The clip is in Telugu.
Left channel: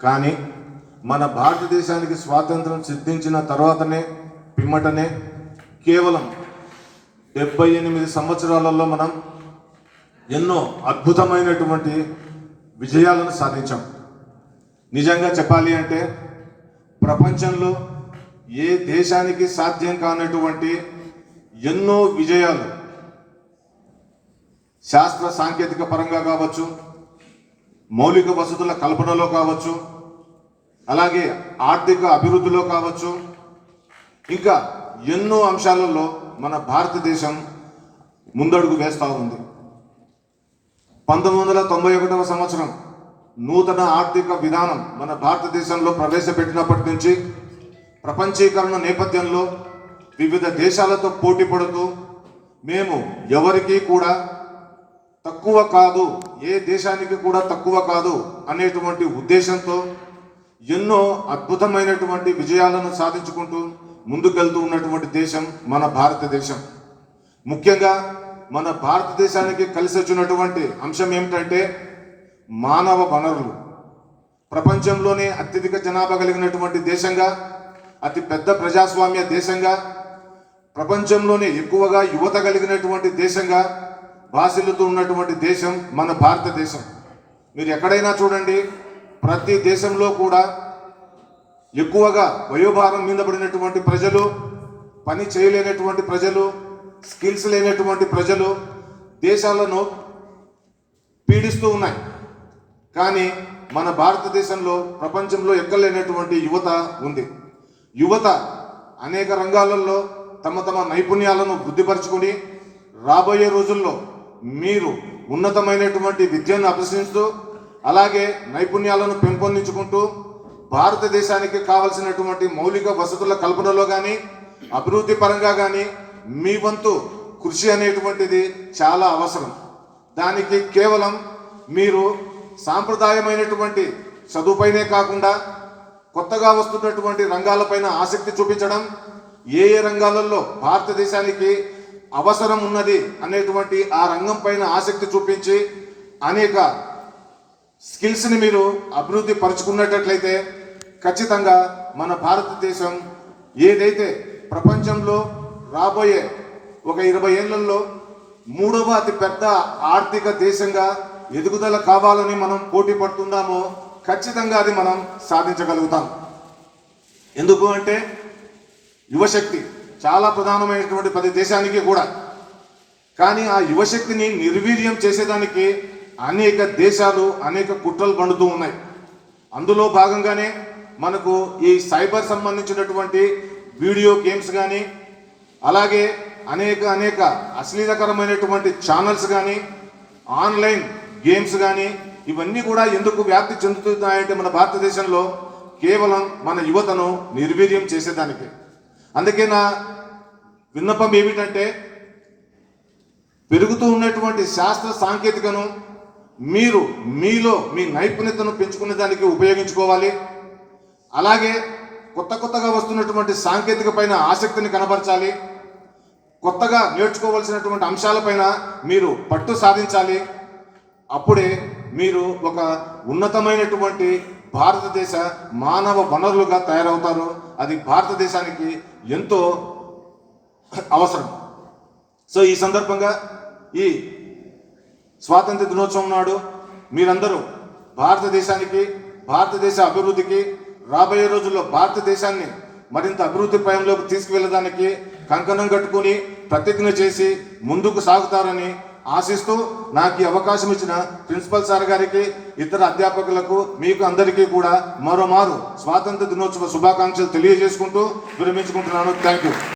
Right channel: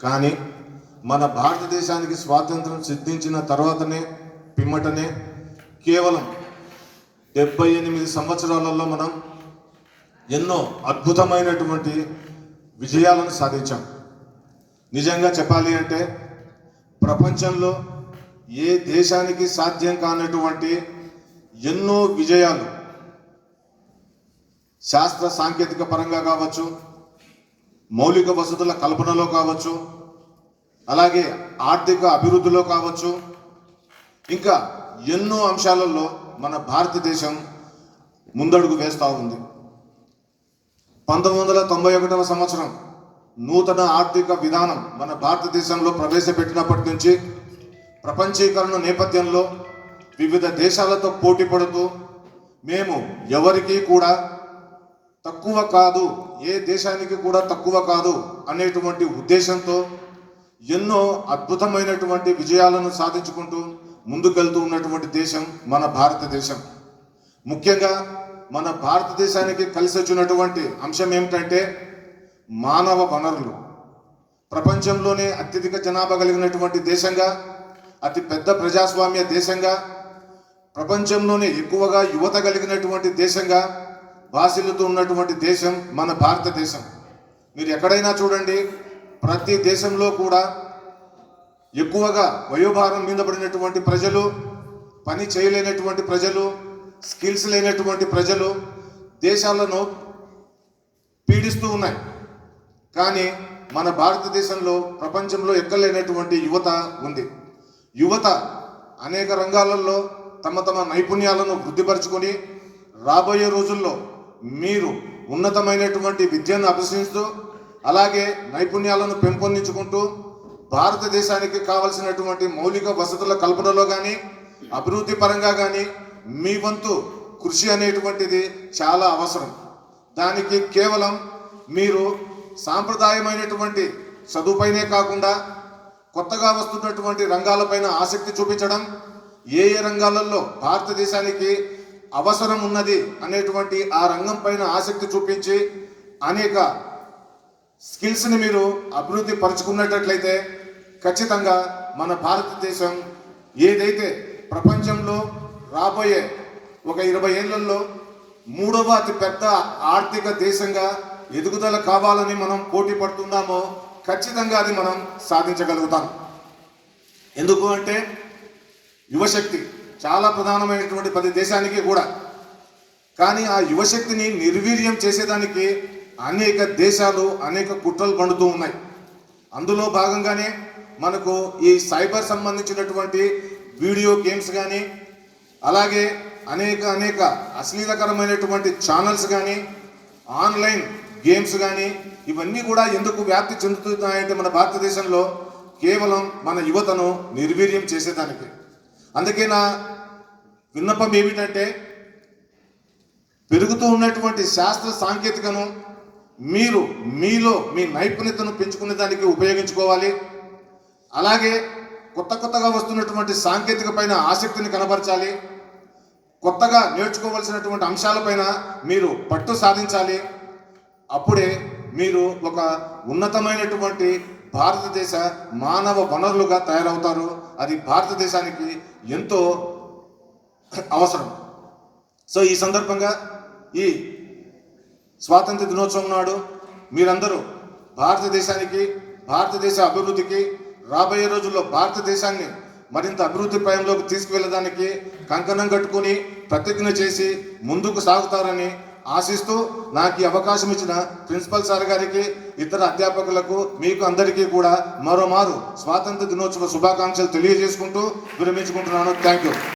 కానీ మన భారతదేశానికి స్వాతంత్రం సిద్ధించిన తర్వాతనే పిమ్మటనే కేవలం డెబ్బై ఎనిమిది సంవత్సరాలలో మనం ఎన్నో అద్భుతమైనటువంటి విజయాలను సాధించాం. నిజంగా చెప్పాలి అంటే ప్రపంచంలో ఏ దేశానికి సాధ్యం కానటువంటి ఎన్నో విజయాలు శాస్త్ర సాంకేతిక పరంగా కావచ్చు మౌలిక వసతుల కల్పనలో కావచ్చు అలాగే ఆర్థిక అభివృద్ధిలో కావచ్చు. ఇంకా ఎన్నో అంశాలలో మన భారతదేశం ముందడుగు వేస్తూ ఉంది. పంతొమ్మిది వందల తొంభై ఒకటవ సంవత్సరం నూతన ఆర్థిక విధానం మన భారతదేశంలో ప్రవేశపెట్టినప్పటి నుంచి ప్రపంచీకరణ నేపథ్యంలో వివిధ దేశాలతో పోటీ పడుతూ మేము ఎవరికీ కూడా తక్కువ కాదు ఏ దేశానికి కూడా తక్కువ కాదు అనేటువంటి ఉద్దేశంతో ఎన్నో అద్భుతమైనటువంటి విజయాలను సాధించుకుంటూ ముందుకెళ్తూ ఉన్నటువంటి దేశం మన భారతదేశం. ముఖ్యంగా మన భారతదేశానికి కలిసి వచ్చినటువంటి అంశం ఏమిటంటే మానవ వనరులు. ప్రపంచంలోనే అత్యధిక జనాభా కలిగినటువంటి దేశంగా అతి పెద్ద ప్రజాస్వామ్య దేశంగా ప్రపంచంలోనే ఎక్కువగా యువత కలిగినటువంటి దేశంగా భాషలతో ఉన్నటువంటి దేశం మన భారతదేశం. మీరు ఎక్కడైనా చూడండి ప్రతి దేశంలో కూడా ఎక్కువగా వయోభారం మీద పడినటువంటి ప్రజలు పని చేయలేనటువంటి ప్రజలు స్కిల్స్ లేనటువంటి ప్రజలు దేశాలను పీడిస్తూ ఉన్నాయి. కానీ మన భారతదేశంలో ప్రపంచంలో ఎక్కలేనటువంటి యువత ఉంది. యువత అనేక రంగాలలో తమ తమ నైపుణ్యాలను వృద్ధిపరచుకొని రాబోయే రోజుల్లో మీరు ఉన్నతమైనటువంటి విద్యను అభ్యసిస్తూ అలాగే నైపుణ్యాలను పెంపొందించుకుంటూ భారతదేశానికి కావలసినటువంటి మౌలిక వసతుల కల్పనలో కానీ అభివృద్ధి పరంగా కానీ మీ వంతు కృషి అనేటువంటిది చాలా అవసరం. దానికి కేవలం మీరు సాంప్రదాయమైనటువంటి చదువుపైనే కాకుండా కొత్తగా వస్తున్నటువంటి రంగాలపైన ఆసక్తి చూపించడం ఏ ఏ రంగాలలో భారతదేశానికి అవసరం ఉన్నది అనేటువంటి ఆ రంగం పైన ఆసక్తి చూపించి అనేక స్కిల్స్ని మీరు అభివృద్ధి పరుచుకున్నట్లయితే ఖచ్చితంగా మన భారతదేశం ఏదైతే ప్రపంచంలో రాబోయే ఒక ఇరవై ఏళ్ళలో మూడవ అతి పెద్ద ఆర్థిక దేశంగా ఎదుగుదల కావాలని మనం పోటీ పడుతున్నామో ఖచ్చితంగా అది మనం సాధించగలుగుతాం. ఎందుకు అంటే యువశక్తి చాలా ప్రధానమైనటువంటి ప్రతి దేశానికి కూడా. కానీ ఆ యువశక్తిని నిర్వీర్యం చేసేదానికి అనేక దేశాలు అనేక కుట్రలు పండుతూ ఉన్నాయి. అందులో భాగంగానే మనకు ఈ సైబర్ సంబంధించినటువంటి వీడియో గేమ్స్ కానీ అలాగే అనేక అనేక అశ్లీలకరమైనటువంటి ఛానల్స్ కానీ ఆన్లైన్ గేమ్స్ కానీ ఇవన్నీ కూడా ఎందుకు వ్యాప్తి చెందుతున్నాయంటే మన భారతదేశంలో కేవలం మన యువతను నిర్వీర్యం చేసేదానికి. అందుకే నా విన్నపం ఏమిటంటే పెరుగుతూ ఉన్నటువంటి శాస్త్ర సాంకేతికను మీరు మీలో మీ నైపుణ్యతను పెంచుకునే దానికి ఉపయోగించుకోవాలి. అలాగే కొత్త కొత్తగా వస్తున్నటువంటి సాంకేతిక పైన ఆసక్తిని కనబరచాలి. కొత్తగా నేర్చుకోవలసినటువంటి అంశాలపైన మీరు పట్టు సాధించాలి. అప్పుడే మీరు ఒక ఉన్నతమైనటువంటి భారతదేశ మానవ వనరులుగా తయారవుతారు. అది భారతదేశానికి ఎంతో అవసరం. సో ఈ సందర్భంగా ఈ స్వాతంత్ర దినోత్సవం నాడు మీరందరూ భారతదేశానికి భారతదేశ అభివృద్ధికి రాబోయే రోజుల్లో భారతదేశాన్ని మరింత అభివృద్ధి పయంలోకి తీసుకువెళ్ళడానికి కంకణం కట్టుకుని ప్రతిజ్ఞ చేసి ముందుకు సాగుతారని ఆశిస్తూ నాకు ఈ అవకాశం ఇచ్చిన ప్రిన్సిపల్ సార్ గారికి ఇతర అధ్యాపకులకు మీకు అందరికీ కూడా మరోమారు స్వాతంత్ర దినోత్సవ శుభాకాంక్షలు తెలియజేసుకుంటూ విరమించుకుంటున్నాను. Thank you